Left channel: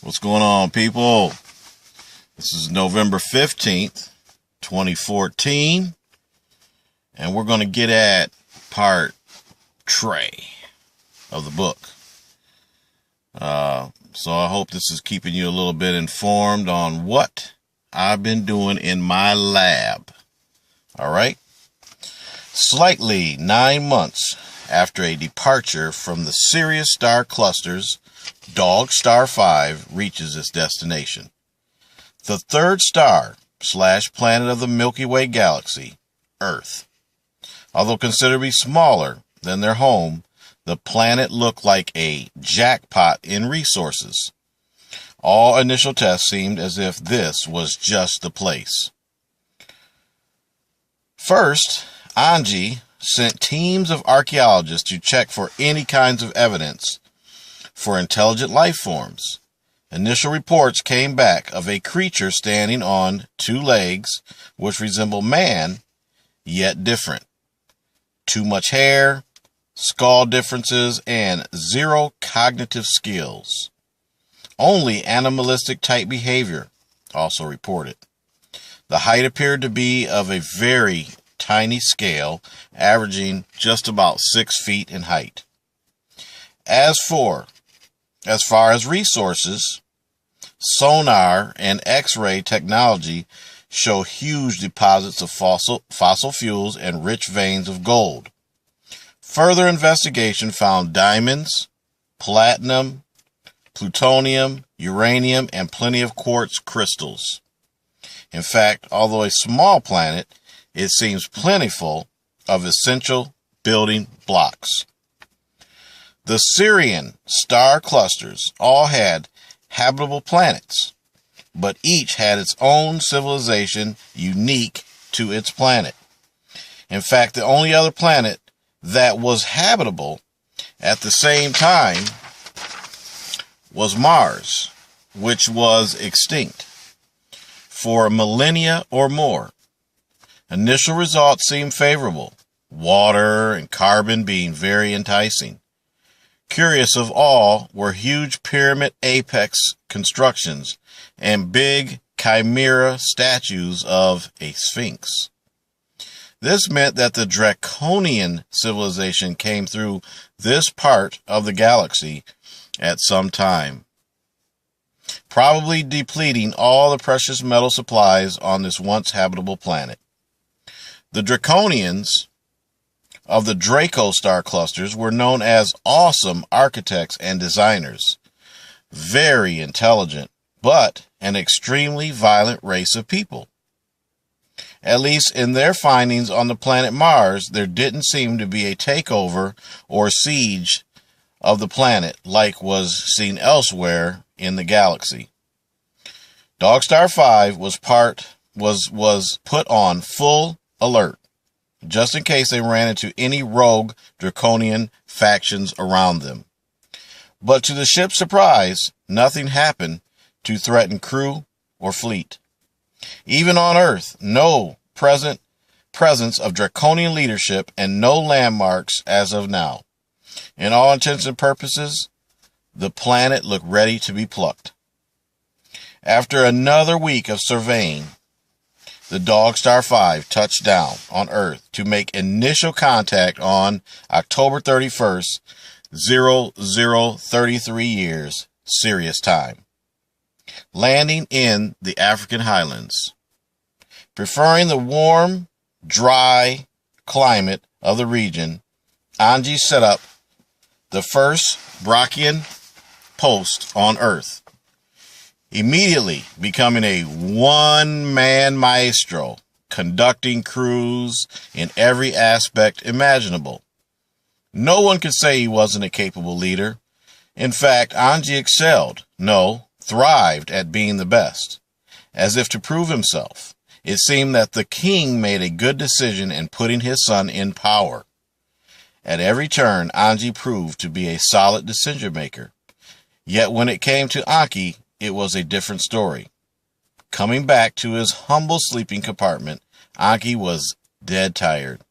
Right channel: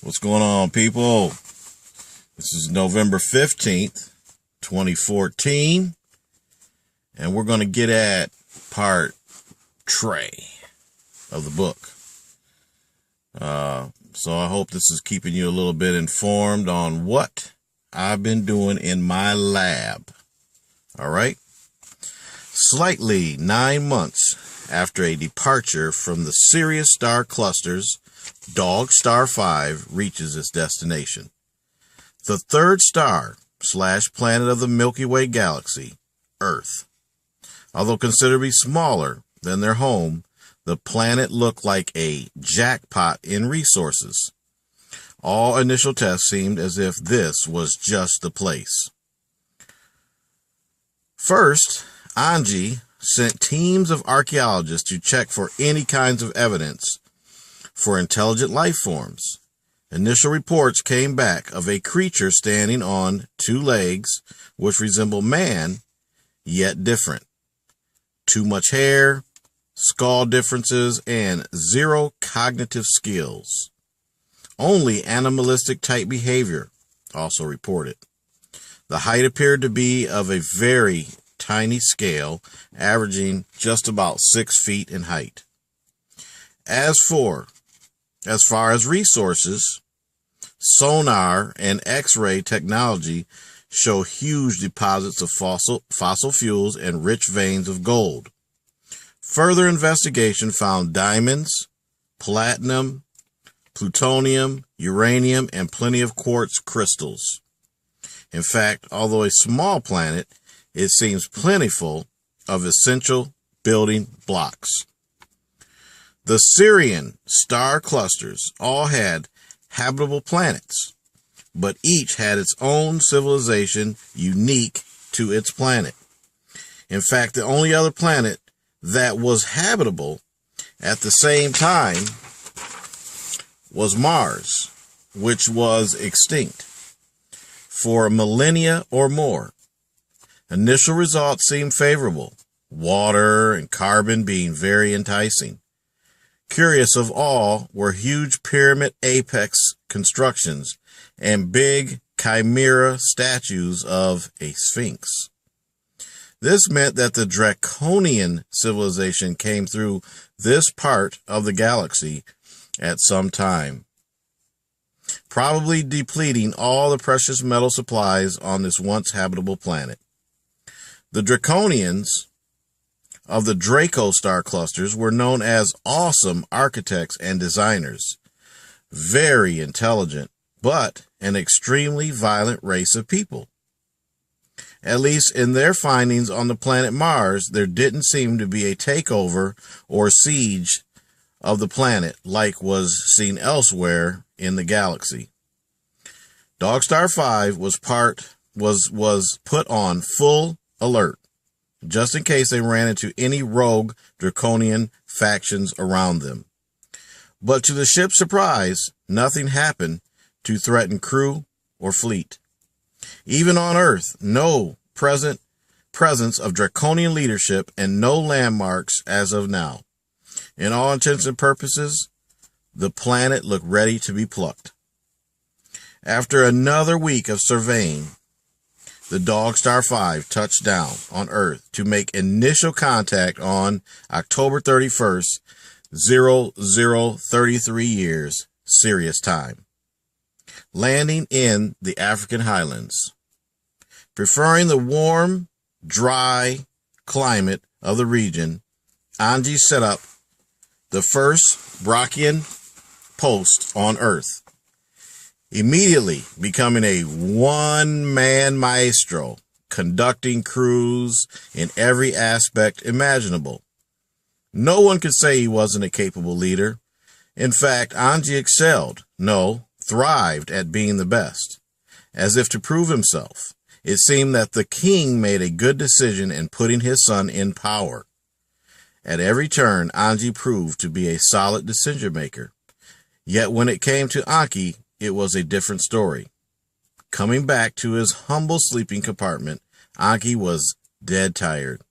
What's going on, people? This is November 15th, 2014, and we're going to get at part 3 of the book. So I hope this is keeping you a little bit informed on what I've been doing in my lab. All right? Slightly 9 months after a departure from the Sirius star clusters, Dog Star 5 reaches its destination. The third star/planet of the Milky Way galaxy, Earth. Although considerably smaller than their home, the planet looked like a jackpot in resources. All initial tests seemed as if this was just the place. First, Anji sent teams of archaeologists to check for any kinds of evidence for intelligent life forms. Initial reports came back of a creature standing on 2 legs, which resemble man, yet different. Too much hair, skull differences, and 0 cognitive skills. Only animalistic type behavior, also reported. The height appeared to be of a very tiny scale, averaging just about 6 feet in height. As far as resources, sonar and X-ray technology show huge deposits of fossil fuels and rich veins of gold. Further investigation found diamonds, platinum, plutonium, uranium, and plenty of quartz crystals. In fact, although a small planet, it seems plentiful of essential building blocks. The Sirian star clusters all had habitable planets, but each had its own civilization unique to its planet. In fact, the only other planet that was habitable at the same time was Mars, which was extinct for millennia or more. Initial results seemed favorable, water and carbon being very enticing. Curious of all were huge pyramid apex constructions and big chimera statues of a sphinx. This meant that the draconian civilization came through this part of the galaxy at some time, probably depleting all the precious metal supplies on this once habitable planet. The draconians of the Draco star clusters were known as awesome architects and designers, very intelligent, but an extremely violent race of people. At least in their findings on the planet Mars, there didn't seem to be a takeover or siege of the planet like was seen elsewhere in the galaxy. Dog Star 5 was put on full alert, just in case they ran into any rogue draconian factions around them. But to the ship's surprise, nothing happened to threaten crew or fleet. Even on Earth, no presence of draconian leadership and no landmarks as of now. In all intents and purposes, the planet looked ready to be plucked. After another week of surveying, the Dog Star 5 touched down on Earth to make initial contact on October 31st, 0033 years, Sirius time, landing in the African highlands. Preferring the warm, dry climate of the region, Anji set up the first Brachian post on Earth, immediately becoming a one-man maestro, conducting crews in every aspect imaginable. No one could say he wasn't a capable leader. In fact, Anji excelled, thrived at being the best. As if to prove himself, it seemed that the king made a good decision in putting his son in power. At every turn, Anji proved to be a solid decision maker. Yet when it came to Anki, it was a different story. Coming back to his humble sleeping compartment, Anki was dead tired.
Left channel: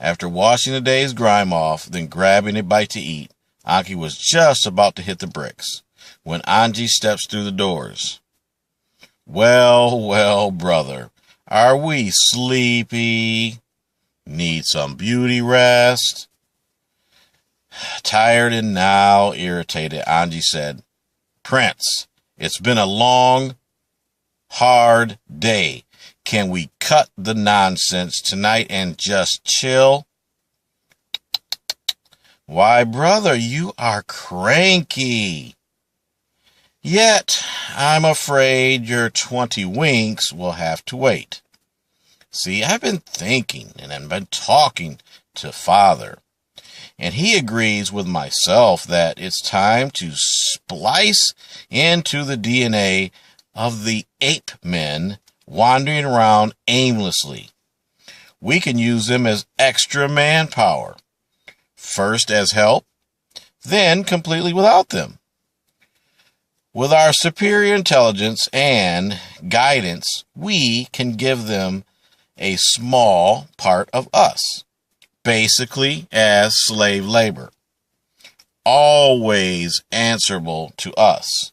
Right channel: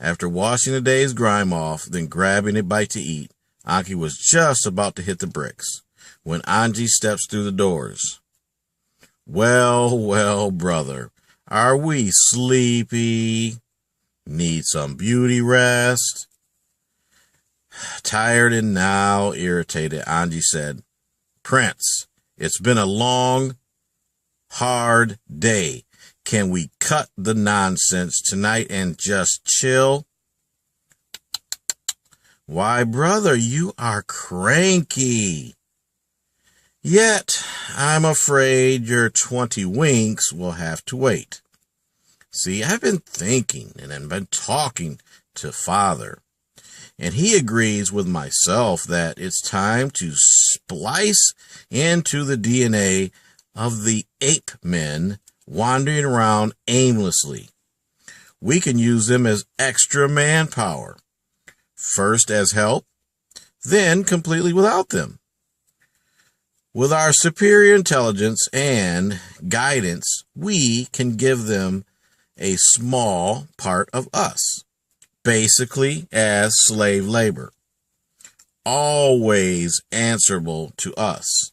After washing the day's grime off, then grabbing a bite to eat, Anki was just about to hit the bricks when Angie steps through the doors. Well, well, brother, are we sleepy? Need some beauty rest? Tired and now irritated, Angie said, Prince, it's been a long, hard day. Can we cut the nonsense tonight and just chill? Why, brother, you are cranky. Yet, I'm afraid your 20 winks will have to wait. See, I've been thinking and I've been talking to Father, and he agrees with myself that it's time to splice into the DNA of the ape men wandering around aimlessly. We can use them as extra manpower, first as help, then completely without them. With our superior intelligence and guidance, we can give them a small part of us, basically as slave labor, always answerable to us.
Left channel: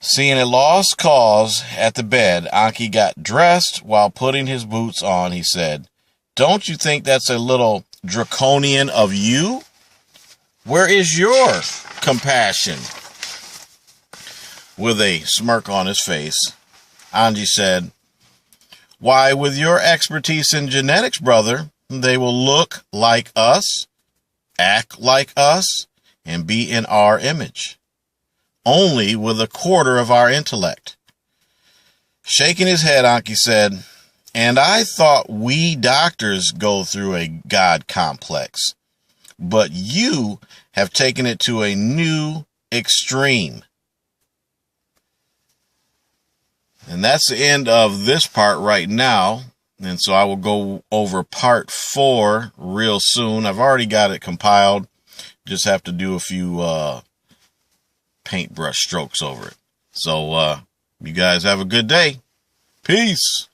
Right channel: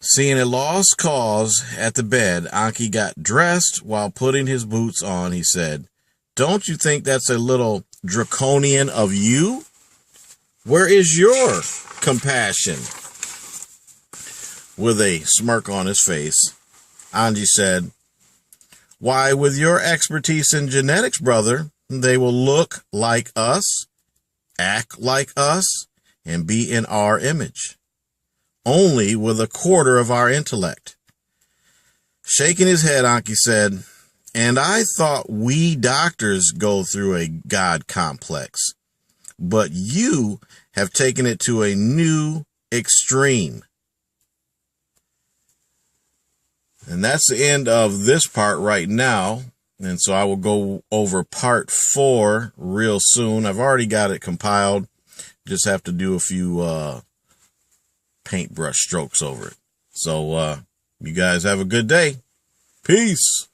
Seeing a lost cause at the bed, Anki got dressed. While putting his boots on, he said, "Don't you think that's a little draconian of you? Where is your compassion?" With a smirk on his face, Angie said, "Why, with your expertise in genetics, brother, they will look like us, act like us, and be in our image, only with a quarter of our intellect." Shaking his head, Anki said, "And I thought we doctors go through a God complex, but you have taken it to a new extreme." And that's the end of this part right now. And so I will go over part 4 real soon. I've already got it compiled. Just have to do a few paintbrush strokes over it. So you guys have a good day. Peace.